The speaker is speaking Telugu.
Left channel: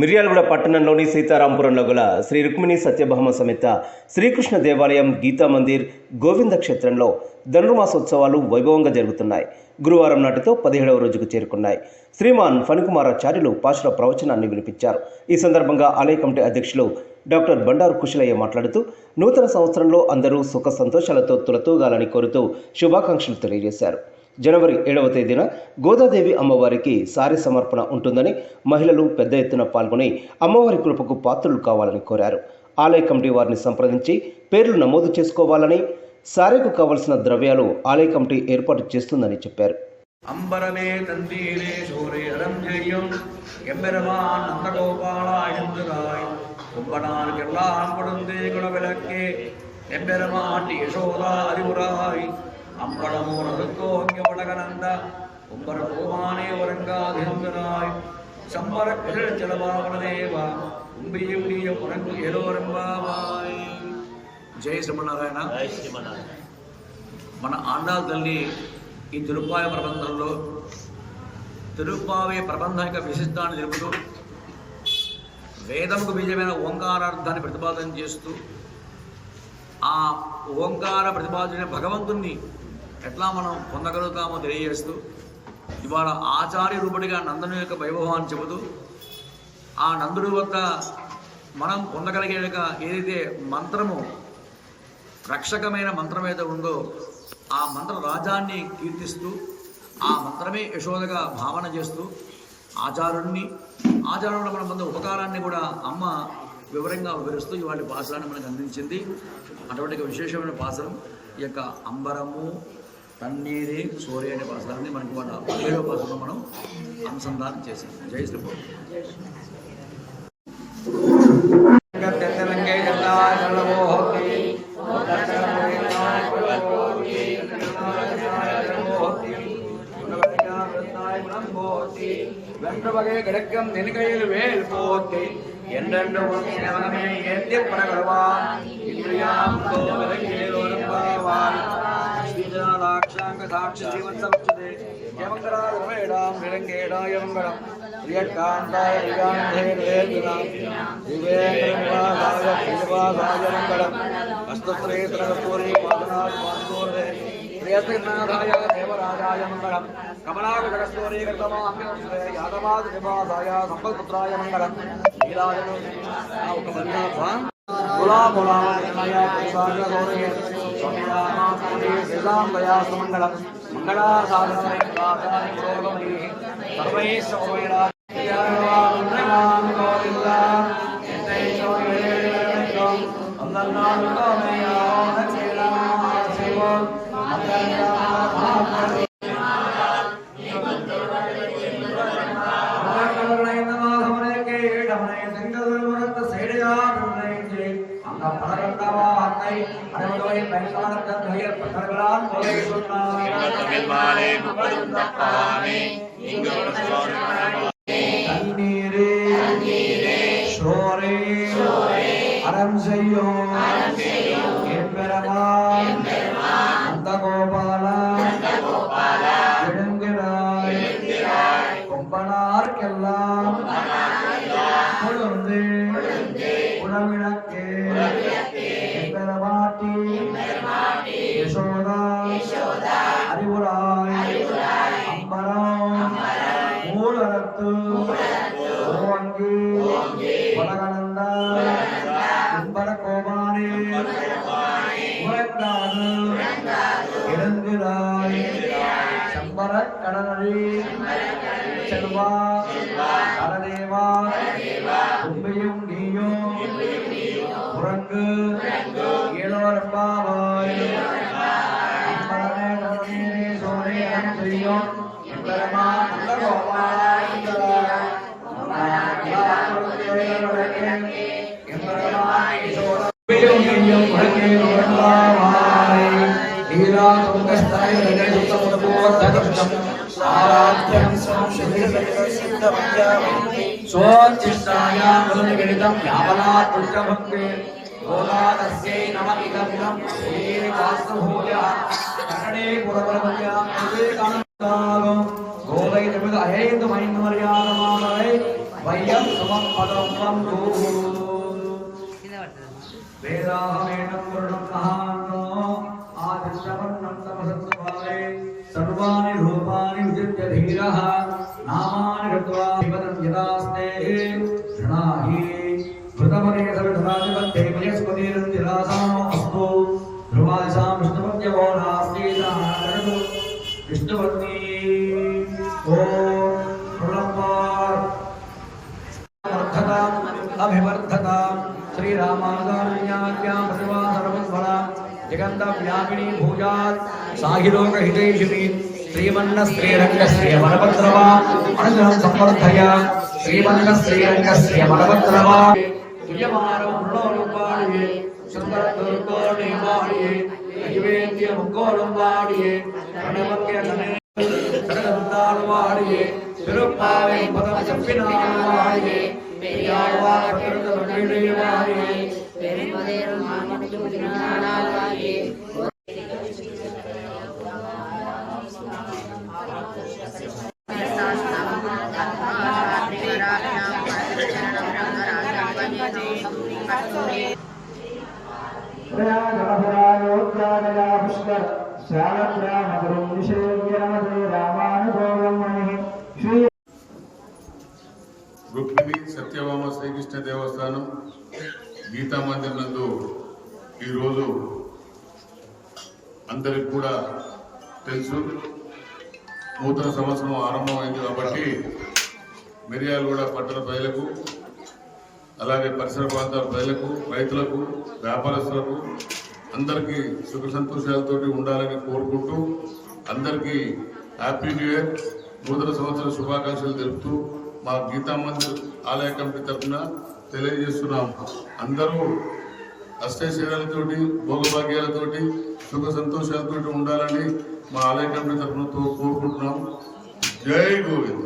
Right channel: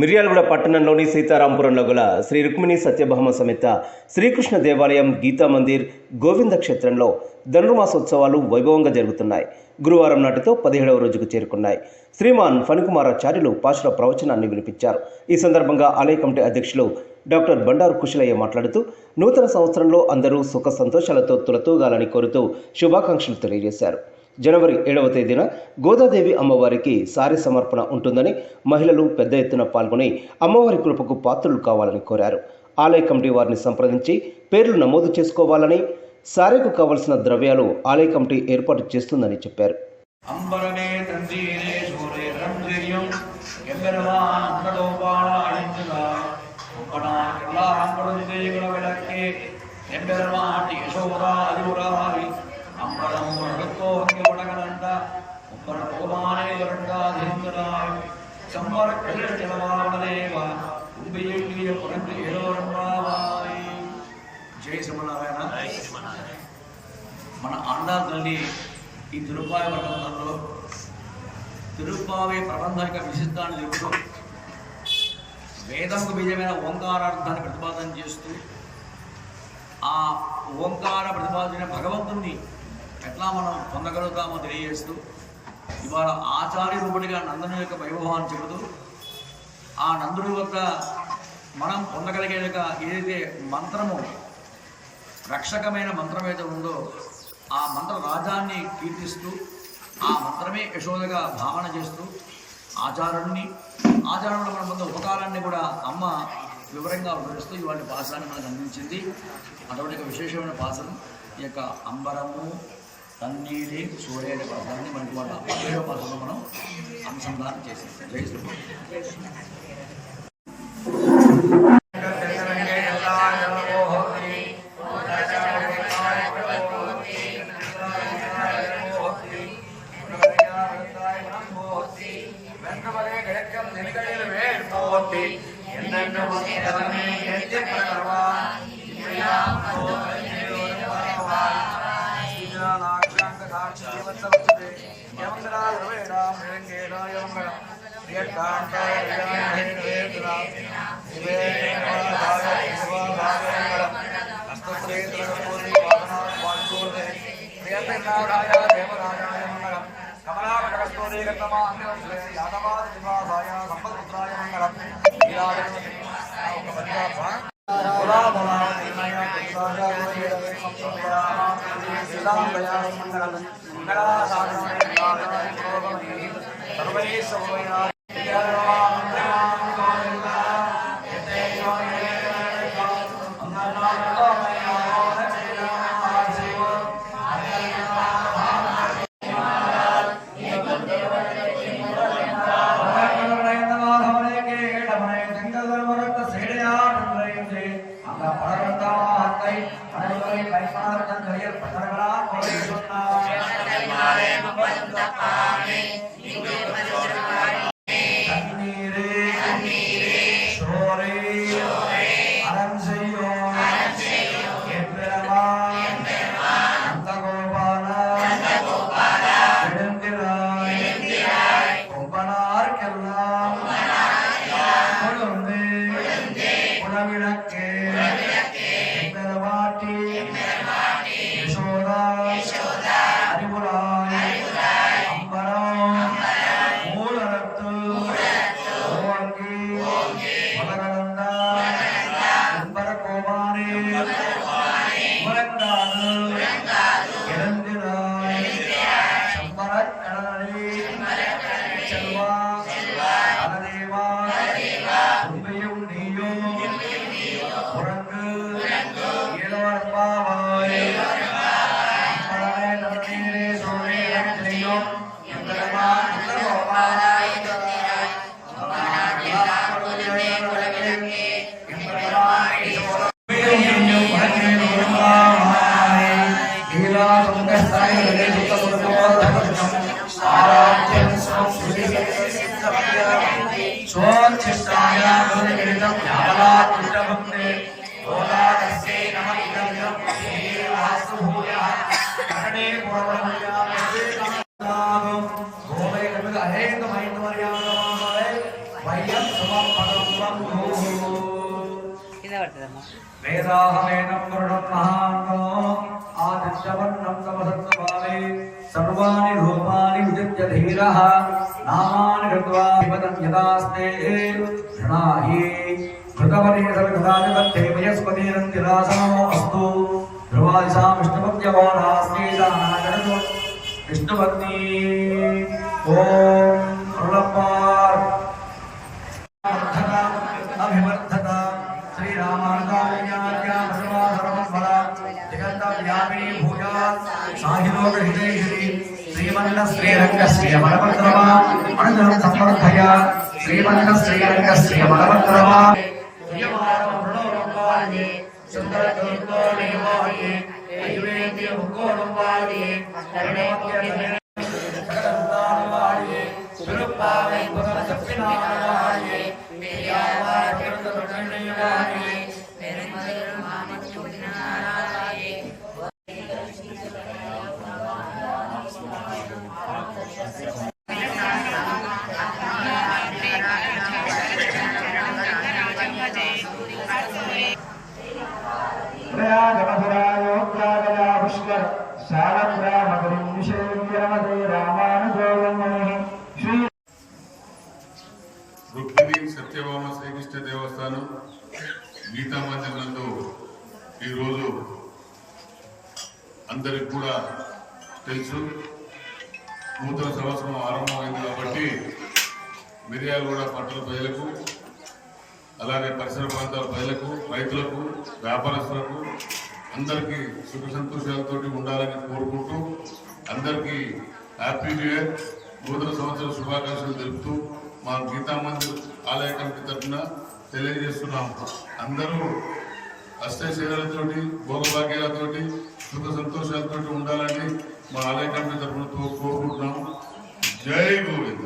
మిర్యాలగూడ పట్టణంలోని సీతారాంపురంలో గల శ్రీ రుక్మిణి సత్యభామ సమేత శ్రీకృష్ణ దేవాలయం గీతా మందిర్ గోవింద క్షేత్రంలో ధనుర్మాసోత్సవాలు వైభవంగా జరుగుతున్నాయి. గురువారం నాటితో పదిహేడవ రోజుకు చేరుకున్నాయి. శ్రీమాన్ ఫణికుమారాచార్యులు పాశుల ప్రవచనాన్ని వినిపించారు. ఈ సందర్భంగా ఆలయ కమిటీ అధ్యక్షులు డాక్టర్ బండారు కుశలయ్య మాట్లాడుతూ నూతన సంవత్సరంలో అందరూ సుఖ సంతోషాలతో తులతూగాలని కోరుతూ శుభాకాంక్షలు తెలియజేశారు. జనవరి ఏడవ తేదీన గోదాదేవి అమ్మవారికి సారీ సమర్పణ ఉంటుందని మహిళలు పెద్ద ఎత్తున పాల్గొని అమ్మవారి కృపకు పాత్రలు కావాలని కోరారు. ఆలయ కమిటీ వారిని సంప్రదించి పేర్లు నమోదు చేసుకోవాలని సారీకు కావలసిన ద్రవ్యాలు ఆలయ కమిటీ ఏర్పాటు చేస్తుందని చెప్పారు. అంబరమే அலஞ்செய்யும் எம்பெருமான் நந்தகோபாலா எழுந்துராய் கும்பனார் எல்லாரும் கொடுந்தே குணவிளக்கே எம்பெருமான் யசோதா அறிவுராய் அம்பலமூர் அடுத்தோங்க வடகனந்த உம்பர கோபானே உறங்காதிருந்தனாய் சம்பர கிழல் ஜலவாவனதேவா உம்பியும் நீயும் உறங்கு ஏதோரம்பாவாய் జై శ్రీమన్నారాయణ మన ఆండాల్ తల్లి ఈ తిరుపాయ ప్రబంధంలో తిరుపావే ప్రబంధం యొక్క విశిష్టాన్ని తెలుపుతూ వేదంకు నిజమైన ఓంకారార్థాన్ని ప్రతిపాదన చేస్తూ ఆ ఓంకార ప్రతిపాదన భగవంతుణ్ణి ఎట్లా మనం పొందగలుగుతామో తెలియజేస్తూ ఇవాళ ఆచార్య రూపుడిగా నందుని యొక్క వైభవాన్ని చెబుతూ ఆ నందుడి యొక్క మనం పొందగలిగే ఏదైతే మంత్రము రక్షకమైన మంత్రం ఏదో ఉందో ఆ మంత్ర రాజాన్ని కీర్తిస్తూ ఆ మంత్రమే యశోదగా భావన చేస్తూ ఆచారుణ్ణి ఆచారంలో మన పొందే ఉపకారాన్ని కూడా అమ్మ వివరంగా వివరిస్తూ ఇవాళ పాసరాన్ని మనకు అందించింది. అటువంటి విశేషమైన పాసరం. ఈ యొక్క అంబరము తన్నీరే సూర్య అనే పాసరాన్ని మనకి వాళ్ళ పదిహేడవ పాసరంలో మనం అనుసంధానం చేసింది జై శ్రీ நன்று வகைய கிடக்கும் நின்கையில் வேல் போத்தி என்னென்று உதவமே ஏற்றி பரகவான் இல்லையாம் சாட்சி ஜீவத்தமஸ்தே யமங்கரா ரவேடாம் நிரங்கேடா யமங்கரம் வியக்காண்டாய விகாண்டே வேதுராம். விவேகங்கராய விவாதாய யமங்கரம் మంగళం కమలాకటకస్తూరే గతమాన్యే యాదవాద సంపత్పుత్రాయ మంగళం பரிமாற்றம் செய்யப்பட்டவர்களால் கொலை தண்ணீரே சோரே அறம் செய்யும் எம்பெருமான் நீயோ உறங்கு స్వచ్ఛాయ ధరణే గుణవరమయానే కామనాగో గోవై నమగ అహేక మహిమర్యాదమామై వయ్యం సుమం పదం వందో కింద పడుతుందమ్మా వేదాహమేనం వరుణం यदास्ते घृणाहि कृतवरेशविधानिबद्धे मयस्पतिरन्तिरासमो अस्तु ध्रुवादिशा विष्णुभक्त्यवो नास्तीशानाजगतु विष्णुभक्ति। ॐ रुणपार् अभिवर्धता श्रीरामानुजान्या सर्वा सर्वं फला जगन्तव्यापिनी भूया साहिलोकहितैषिणी భూజా సాహిలోకహితేషిని శ్రీమన్న శ్రీరంగ శ్రీయమలభద్రమ అనుగ్రహం సమర్థయ శ్రీమన్న శ్రీరంగ శ్రీయమలభద్రమ సుందర దుర్గోణి నైవేద్య ముక్కోళం వాడియే சகலந்தால் வாழியே திருப்பாவை பதம் செப்பினான் வாழியே பெரியாழ்வார் பிறந்த மகிழே ప్రయాగమధురాయోగ్రాగయా పుష్కర శ్రీ రుక్మిణి సత్యభామ శ్రీకృష్ణ దేవస్థానం గీతా మందిర్ నందు ఈరోజు అందరికి కూడా తెలుసు. నూతన సంవత్సరం ఆరంభమైంది కాబట్టి మిర్యాలగూడ పట్టణ ప్రజలకు అలాగే పరిసర ప్రాంతాల ప్రజలకు రైతులకు వ్యాపారస్తులకు అందరికీ సుఖ సంతోషాలతో ఉండాలని కోరుకుంటూ అందరికీ హ్యాపీ న్యూ ఇయర్. నూతన సంవత్సర శుభాకాంక్షలు తెలుపుతూ మా గీతా మందిర్ ఆలయ కమిటీ తరఫున తెలియజేస్తున్నాం. అందరూ అష్టైశ్వర్యాలతోటి భోగభాగ్యాలతోటి సుఖ సంతోషాలతోటి ఉండాలని మా ఆలయ కమిటీ తరఫున కోరుకుంటున్నాం. జై గోవింద.